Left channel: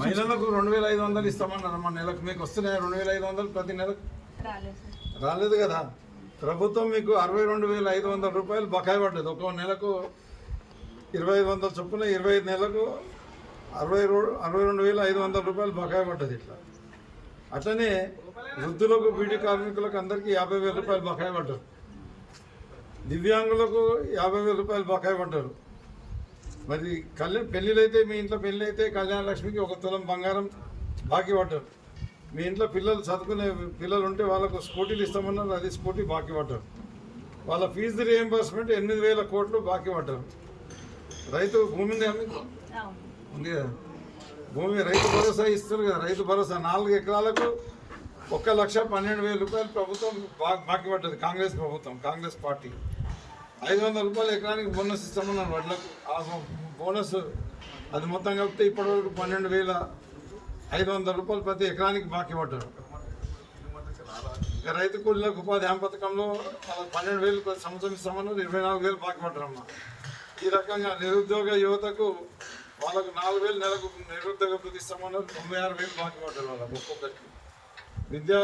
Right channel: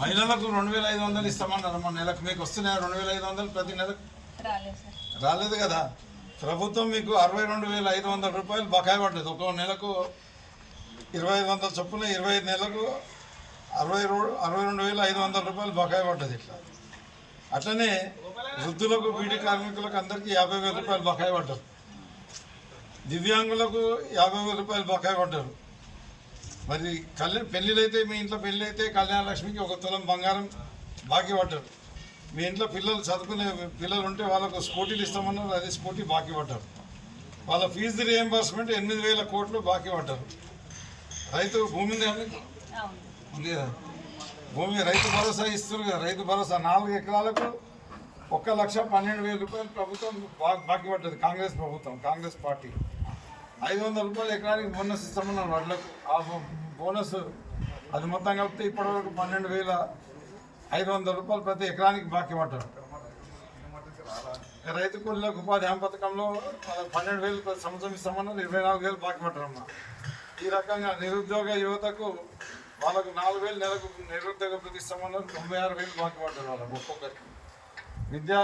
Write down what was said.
మహిళలకు 2500 ఇస్తామన్నారు మన నెలకు. మీకు వస్తున్నాయి 2500 ప్రతి నెలకు? రాలేదు కదా. ప్రభుత్వం మీకు 62,500 రూపాయలు బకాయి పడ్డది. ఒక నెలకు 2500 చొప్పున 25 నెలలకు 62,500 రూపాయలు బకాయి పడ్డది. ఇట్లా అట్లనే వృద్ధులకు, బీడీ కార్మికులకు అందరికీ 50,000 రూపాయలు బకాయి పడ్డారు. దివ్యాంగులకు 50,000 రూపాయలు బకాయి పడ్డారు. మరి పెళ్ళిళ్ళైతే, మీ ఇంట్లో పెళ్ళి అయితే కళ్యాణ లక్ష్మికి 1 తులం బంగారం బాకీ పడ్డారు. మీ ఇంట్లో పిల్లలు చదువుకునే పిల్లలు ఉంటే వాళ్ళకు స్కూటీలు ఇస్తామన్నారు, అది స్కూటీ బాకీ పడ్డారు. వాళ్ళ ఫీజు రియంబర్స్మెంట్ 8,000 కోట్లు బాకీ పడ్డారు. రైతు భూమి ఉంది కదా, భూమి రైతు భరోసా ఇస్తున్నారు కదా. రైతు భరోసా 4 ఎకరాలకు 1,12,000 రూపాయలు ప్రభుత్వం బాకీ పడ్డది. కాంగ్రెస్ ప్రభుత్వం, కాంగ్రెస్ పార్టీ 500 రూపాయలు ఎకరానికి బోనస్ ఇస్తామన్నారు వడ్లకు. ఆ బోనస్ అది మొత్తం కలిపితే ఇప్పటివరకు 12,500 రూపాయలు ప్రతి ఎకరానికి బాకీ పడ్డారు. రైతు కూలీలకు ఉపాధి హామీ పథకంలో 12,000 ప్రతి సంవత్సరం ఇస్తామన్నారు, 24,000 బాకీ పడ్డారమ్మా. ఈ రకంగా నిరుద్యోగ యువతకు వాళ్ళకు 4,000 నెలకు నిరుద్యోగ వృత్తి ఇస్తామన్నారు, 96,000 బాకీ పడ్డారు వాళ్ళకు ఒక్కొక్కరికి. విద్యా